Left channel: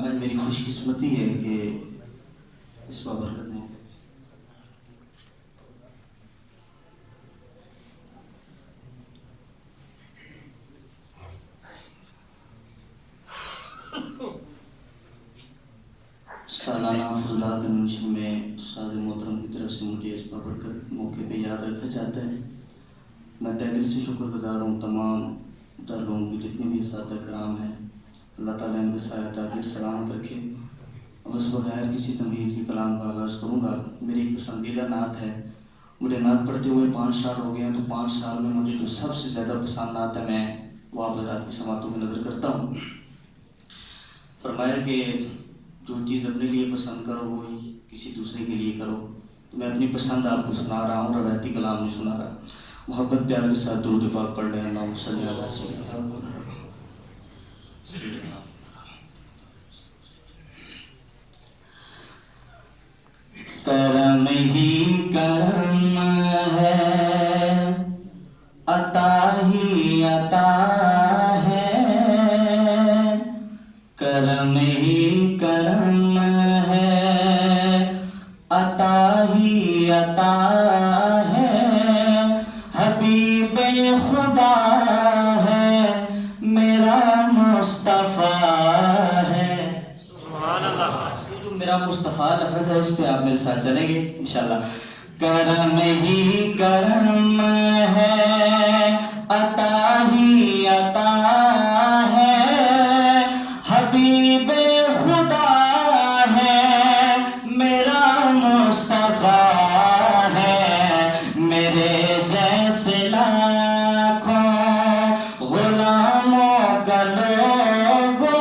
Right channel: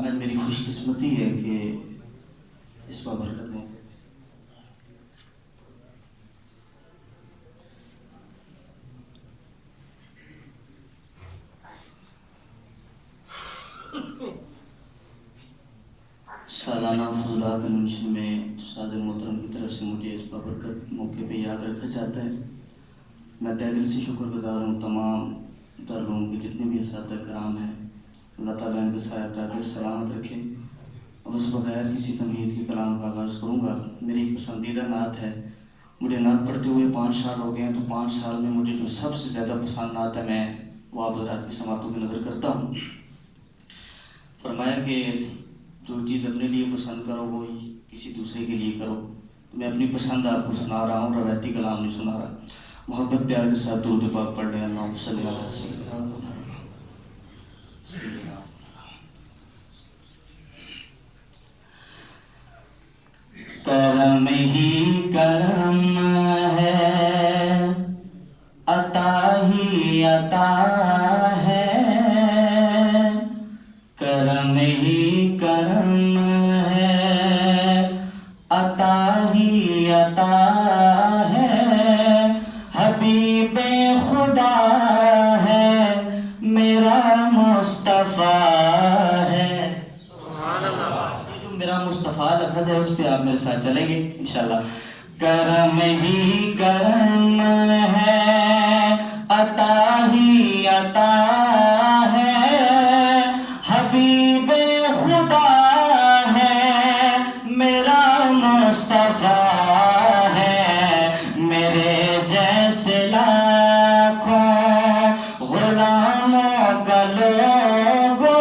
آج میری خوش قسمتی ہے کہ اس بابرکت میں سالانہ فضولات المنشن میں استاد محترم کی طرف سے مجھے اس بابرکت موقع پہ یاد رکھا جاتا ہے۔ میں تہ دل سے شکر گزار ہوں تمام تر لوگوں کے جتنے بھی اساتذہ کرام ہیں، اللہ تعالیٰ ان کا سایہ تعبیر سلامت رکھے۔ اور اس بغیر کسی تمہید کے کلام کا آغاز کروں گا۔ میری ایک پسندیدہ نعت ہے، مجھے نعت پڑھتے ہوئے 5 سال ہو گئے ہیں، تو 5 سال میں مجھے جو سب سے زیادہ پسند نعت ہے میں وہ آپ حضرات کی سماعتوں میں نظر کرتا ہوں۔ فرمایا کہ جو چیز اپنے لیے پسند کرو وہ کسی دوسرے کے لیے کرو۔ میں اپنی پسند آپ کو سنا رہا ہوں، روایتی کلام نہیں سنا رہا۔ محبت پیار کے ساتھ درود پاک پڑھ رہے ہیں۔ اللہم صلی اللہ علیہ وسلم۔ کرم ہی کرم ہے، عطا ہی عطا ہے، کرم ہی کرم ہے، عطا ہی عطا ہے، حبیب خدا ہے میرا مصطفیٰ ہے۔ سبحان اللہ۔ میرا مصطفیٰ لفظ ہے، اس پہ آپ میرے ساتھ چلیں گے انشاءاللہ۔ کرم ہی کرم ہے، عطا ہی عطا ہے، حبیب خدا ہے میرا مصطفیٰ ہے، میرے جیسے لاکھوں غلاموں کا لوگو،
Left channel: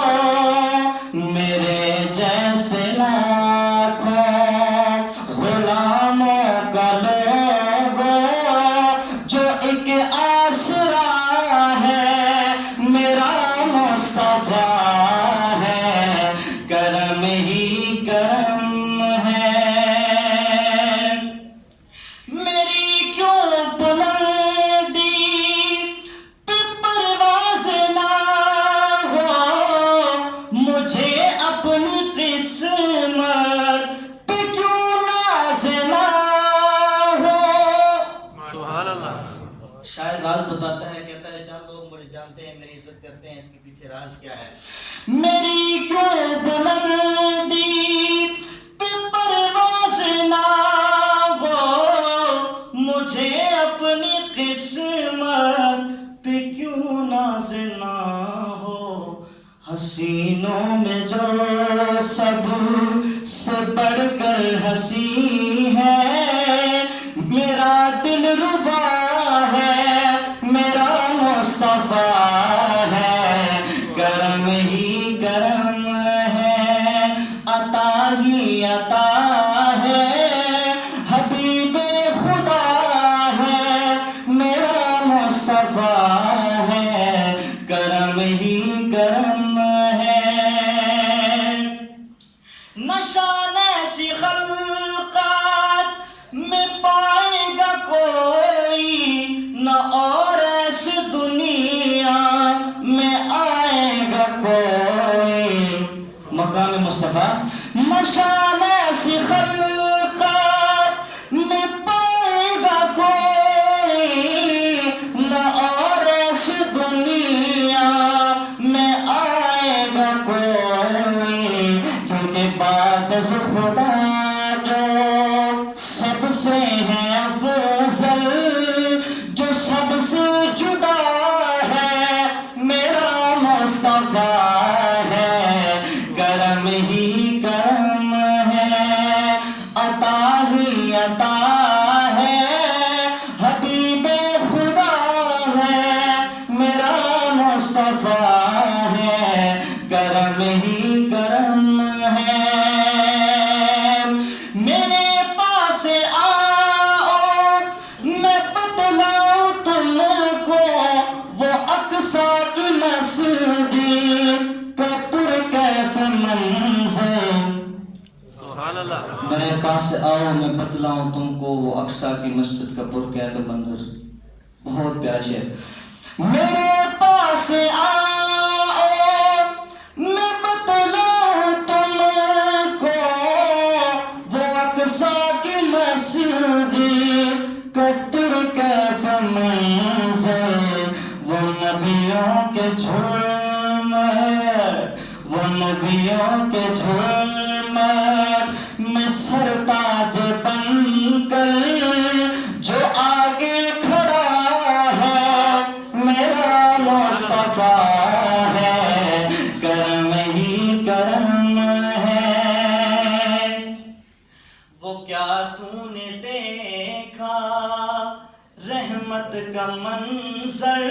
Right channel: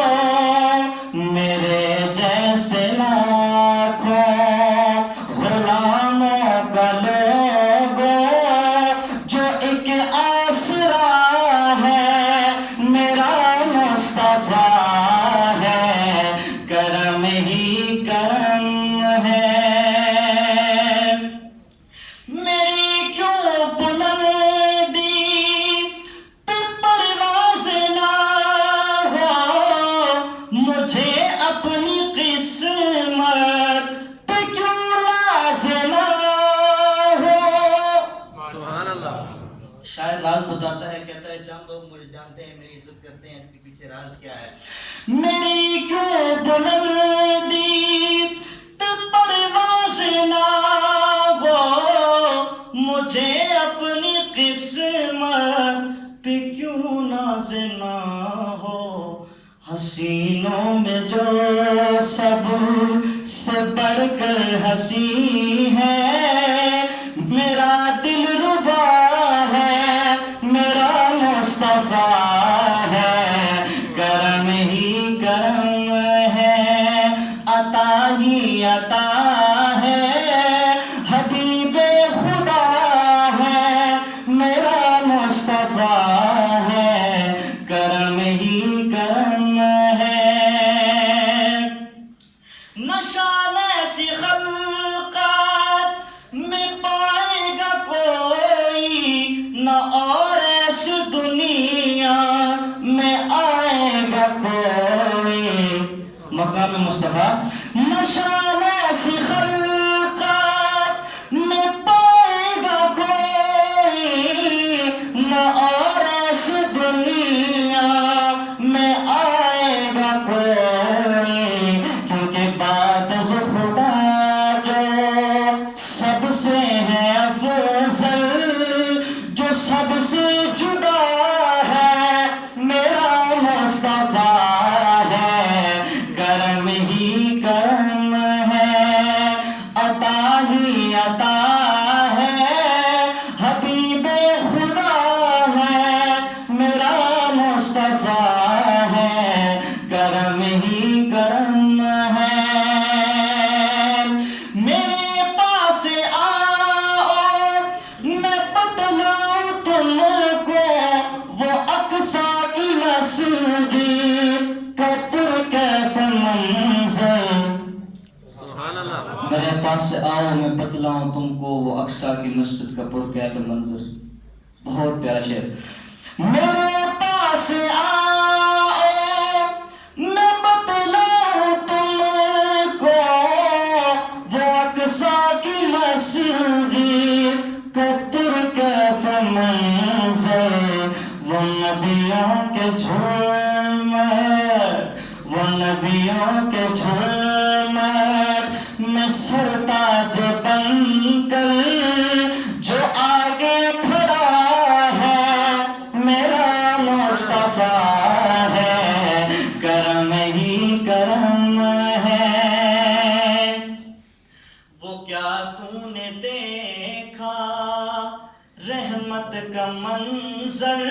میرے جیسے لاکھوں غلاموں کا لوگو، جو ایک آسرا ہے میرا مصطفیٰ ہے، کرم ہی کرم ہے۔ میری کیوں بلندی پہ پرواز نہ ہو، مجھے اپنی قسمت پہ کیوں ناز نہ ہو۔ سبحان اللہ۔ شاید راز بتاتا ہے، کہتا ہے چند لوگ مجھے جانتے ہیں، میری عزت کرتے ہیں، اس کے پیچھے راز کیا ہے؟ میری کیوں بلندی پہ پرواز نہ ہو، مجھے اپنی قسمت پہ کیوں ناز نہ ہو، حسینوں میں جو سب سے بڑھ کر ہنسی ہے، میرا دل ربا ہے میرا مصطفیٰ ہے، کرم ہی کرم ہے، عطا ہی عطا ہے، حبیب خدا ہے میرا مصطفیٰ ہے، کرم ہی کرم ہے۔ نشان ایسی خلقات میں پائے گا کوئی نہ، اور ایسی دنیا میں آئے گا کوئی۔ مقام مصطفیٰ۔ نشان ایسی خلقات میں پائے گا کوئی نہ، اور ایسی دنیا میں آئے گا کوئی، کیونکہ بات از خدا جو سب سے ہے افضل، جو سب سے جدا ہے میرا مصطفیٰ ہے، کرم ہی کرم ہے، عطا ہی عطا ہے، حبیب خدا ہے میرا مصطفیٰ ہے، کرم ہی کرم ہے۔ میرے پاس آؤ میں بتلاؤں تم کو، وہ اقصی کی مسجد کا پرکیف منظر۔ سبحان اللہ۔ میرے پاس آؤ میں بتلاؤں تم کو، وہ اقصی کی مسجد کا پرکیف منظر۔ بہت پیارا شعر۔ میرے پاس آؤ میں بتلاؤں کا منظر،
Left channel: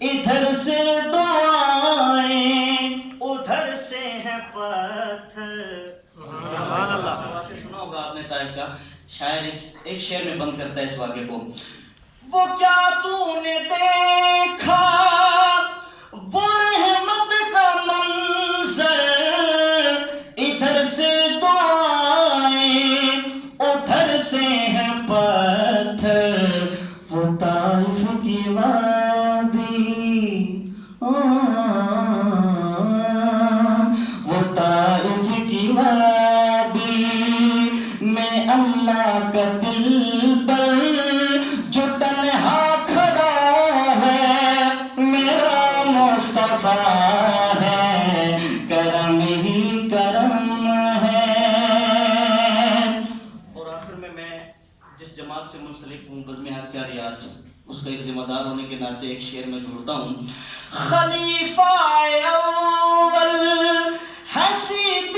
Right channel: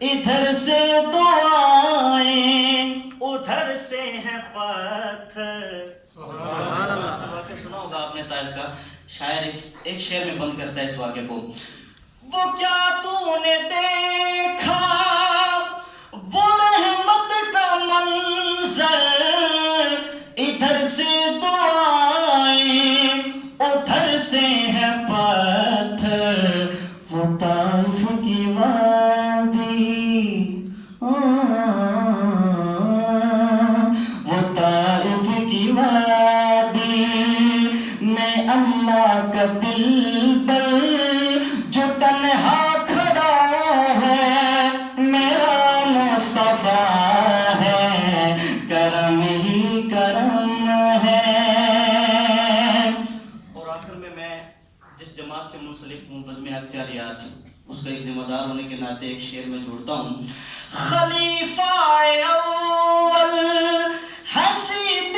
ادھر سے دعائیں ادھر سے ہے پتھر. سبحان اللہ. واقعہ سنا ہوگا آپ نے طائف کا. شاعر ایک شعر میں بند کرتا ہے اس واقعے کو. وہ کیا تو نے دیکھا وہ رحمت کا منظر، ادھر سے دعائیں ادھر سے ہے پتھر. وہ طائف کی وادی، وہ طائف کی وادی میں اللہ کا دل پر جو تنہا کھڑا ہے میرا مصطفیٰ ہے، کرم ہی کرم ہے. اور آخر میں جس جماعت سے منسلک ہوں، بزم حق جاریات، اس کا ایک ذمہ دار ہونے کے ناطے ایک شعر میں جوڑتا ہوں. خلیفہ اول حسید